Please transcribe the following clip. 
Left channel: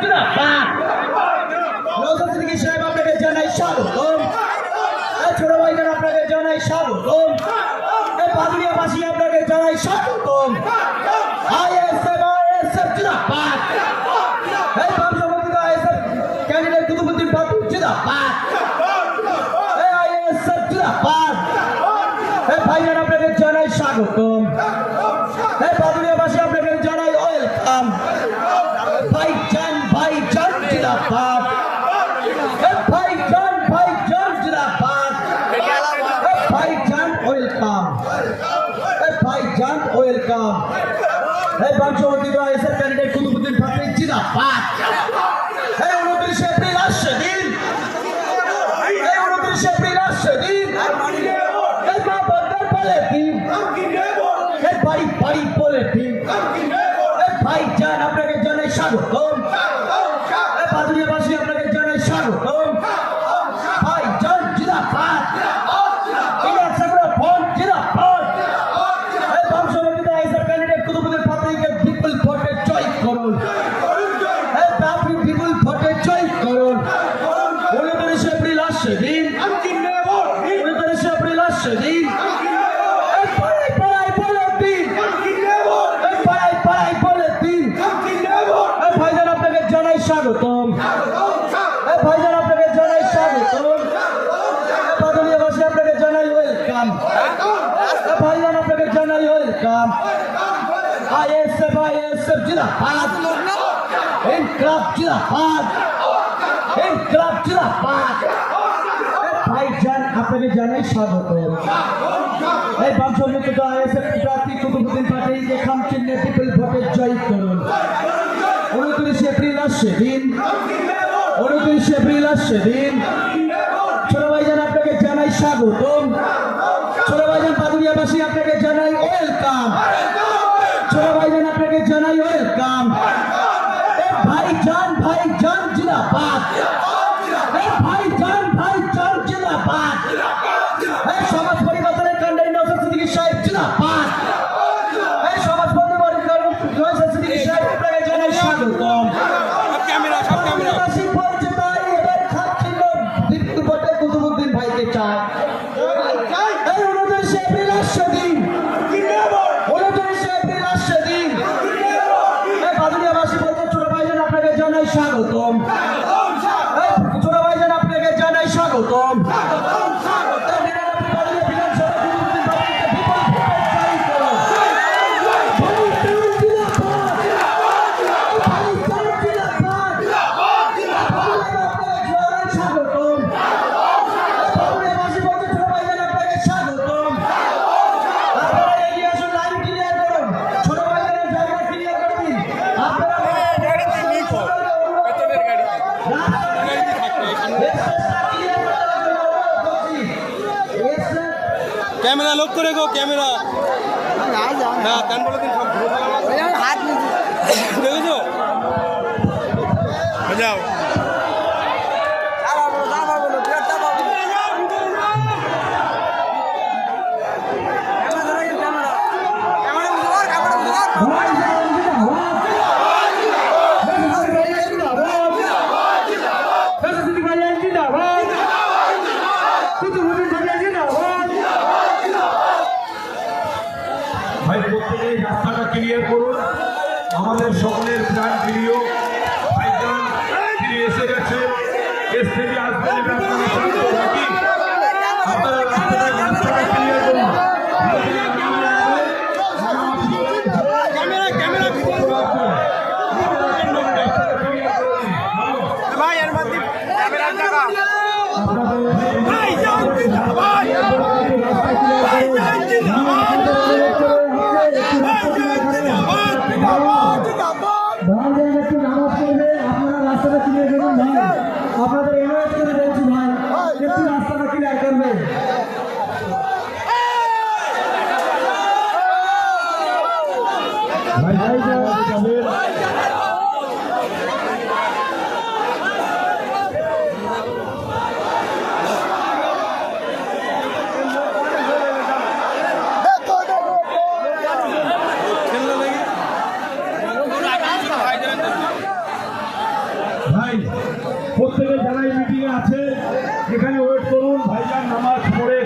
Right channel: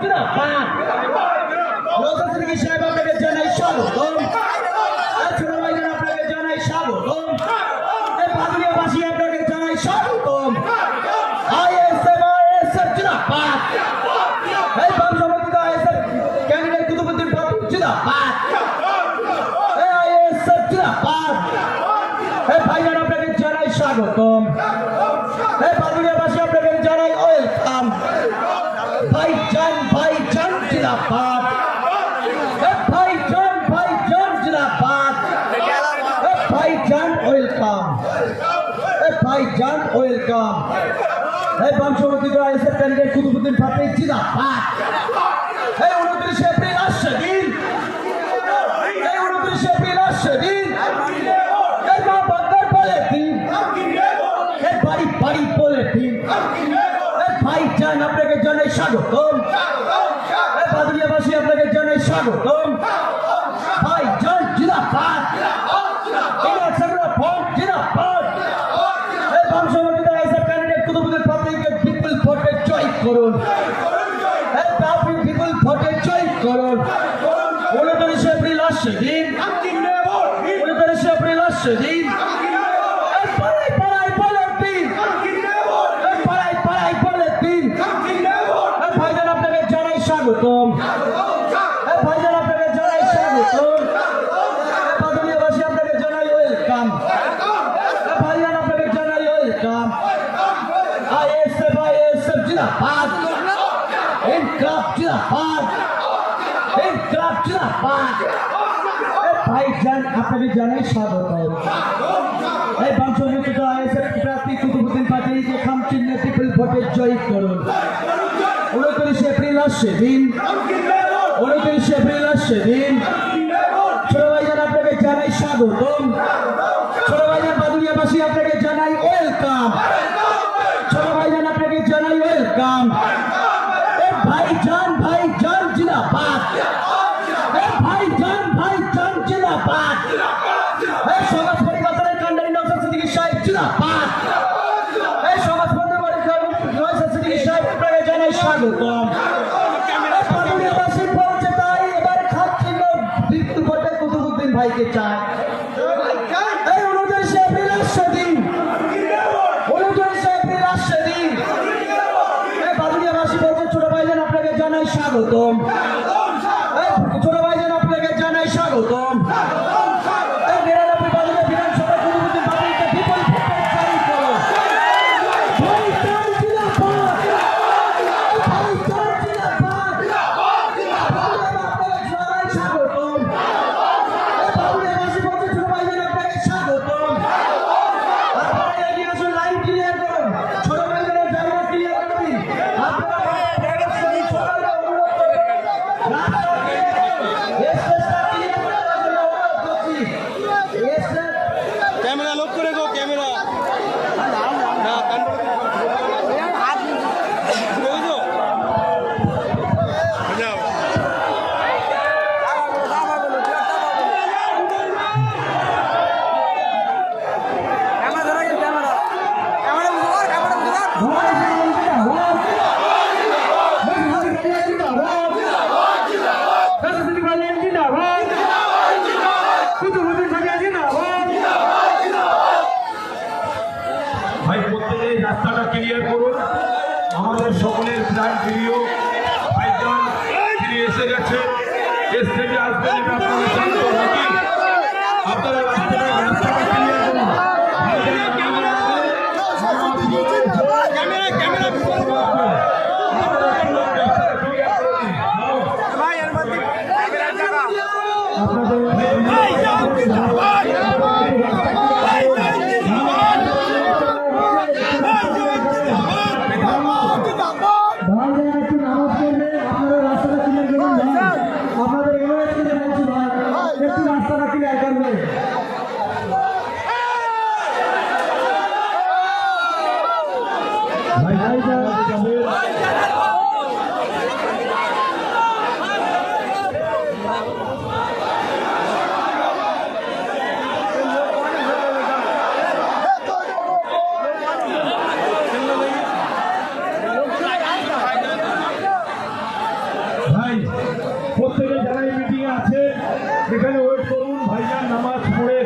জিন্দাবাদ নওশাদ সিদ্দিকী সাহেব আপনাকে জানাই স্বাগতম। ছোট ভাইজান আপনাকে জানাই স্বাগতম। বাদুড়িয়াবাসী আপনাকে জানাই স্বাগতম। আইএসএফ জিন্দাবাদ। বাম সমর্থিত আইএসএফ ক্যান্ডিডেট কুতুবুদ্দিন বাবু জিন্দাবাদ। আইএসএফ জিন্দাবাদ। ভাইজান আপনাকে জানাই স্বাগতম। বাদুড়িয়াবাসী আপনাকে জানাই ওয়েলকাম। ভাইজান জিন্দাবাদ। ভাইজান জিন্দাবাদ। ভাইজান ওয়েলকাম। ভাইজান ওয়েলকাম। বাম সমর্থিত আইএসএফ ক্যান্ডিডেট কুতুবুদ্দিন বাবু জিন্দাবাদ। 29 এপ্রিল আসছে দিন। 29 এপ্রিল আসছে দিন। বাড়ি বলে দিন। ভাইজান আপনাকে জানাই স্বাগতম। বাদুড়িয়াবাসী আপনাকে জানাই স্বাগতম। ভাইজান জিন্দাবাদ। বাম সমর্থিত আইএসএফ ক্যান্ডিডেট কুতুবুদ্দিন বাবুকে বিপুল ভোটে জয় করুন। আপনি বিপুল ভোটে জয় করুন। 29 এপ্রিল আসছে দিন। 29 এপ্রিল আসছে দিন। ভাইজান আপনাকে জানাই স্বাগতম। ভাইজান আপনাকে জানাই স্বাগতম। বাদুড়িয়াবাসী আপনাকে জানাই ওয়েলকাম। ভাইজান আপনাকে জানাই ওয়েলকাম। আইএসএফ জিন্দাবাদ। ইনকলাব জিন্দাবাদ। ইনকলাব জিন্দাবাদ। ভাইজান আপনাকে জানাই স্বাগতম। বাম সমর্থিত আইএসএফ প্রার্থী কুতুবুদ্দিন বাবুকে খাম চিহ্নে বিপুল ভোটে জয় করুন। 29 এপ্রিল আসছে দিন। 29 এপ্রিল আসছে দিন। ছোট ভাইজান আপনাকে জানাই স্বাগতম। ছোট ভাইজান বাদুড়িয়াবাসী আপনাকে জানাই ওয়েলকাম। ছোট ভাইজান আপনাকে জানাই ওয়েলকাম। ভাইজান জিন্দাবাদ। ভাইজান জিন্দাবাদ। সমাজ পরিবর্তনের কাণ্ডারি নওশাদ সিদ্দিকী সাহেব জিন্দাবাদ। সমাজ পরিবর্তনের নওশাদ সিদ্দিকী সাহেব আপনাকে জানাই স্বাগতম। বাদুড়িয়াবাসী বলছে তাই এবার খাচ্ছিল বিপুল ভোটে কুতুবুদ্দিন ভাইকে চায়। 29 এপ্রিল আসছে দিন। 29 এপ্রিল আসছে দিন। বাদুড়িয়াবাসী বলছে ছোট ভাইজান আপনাকে জানাই স্বাগতম। ছোট ভাইজান আপনাকে জানাই স্বাগতম। कैमरा लॉक करे गो कैमरा हां कंट्रोल हाथ में देखो बजाओ ভাই প্রত্যেকে রাস্তাটা ক্লিয়ার করুন। আমাদের সকলের প্রাণ প্রিয় ভাইজান তিনি এসে গেছে। দেশ থেকে আসবেন আপনারা শান্ত রাখি। আপনারা রাস্তাটা ক্লিয়ার করুন। আপনাদের অনুরোধ করে বলছি ভাই একটু রাস্তাটা ক্লিয়ার করবে। ভাই প্রত্যেকে যারা এই মিটিং আছে এখানে ওয়েট করুন, ভাইজান নামাজ পড়ে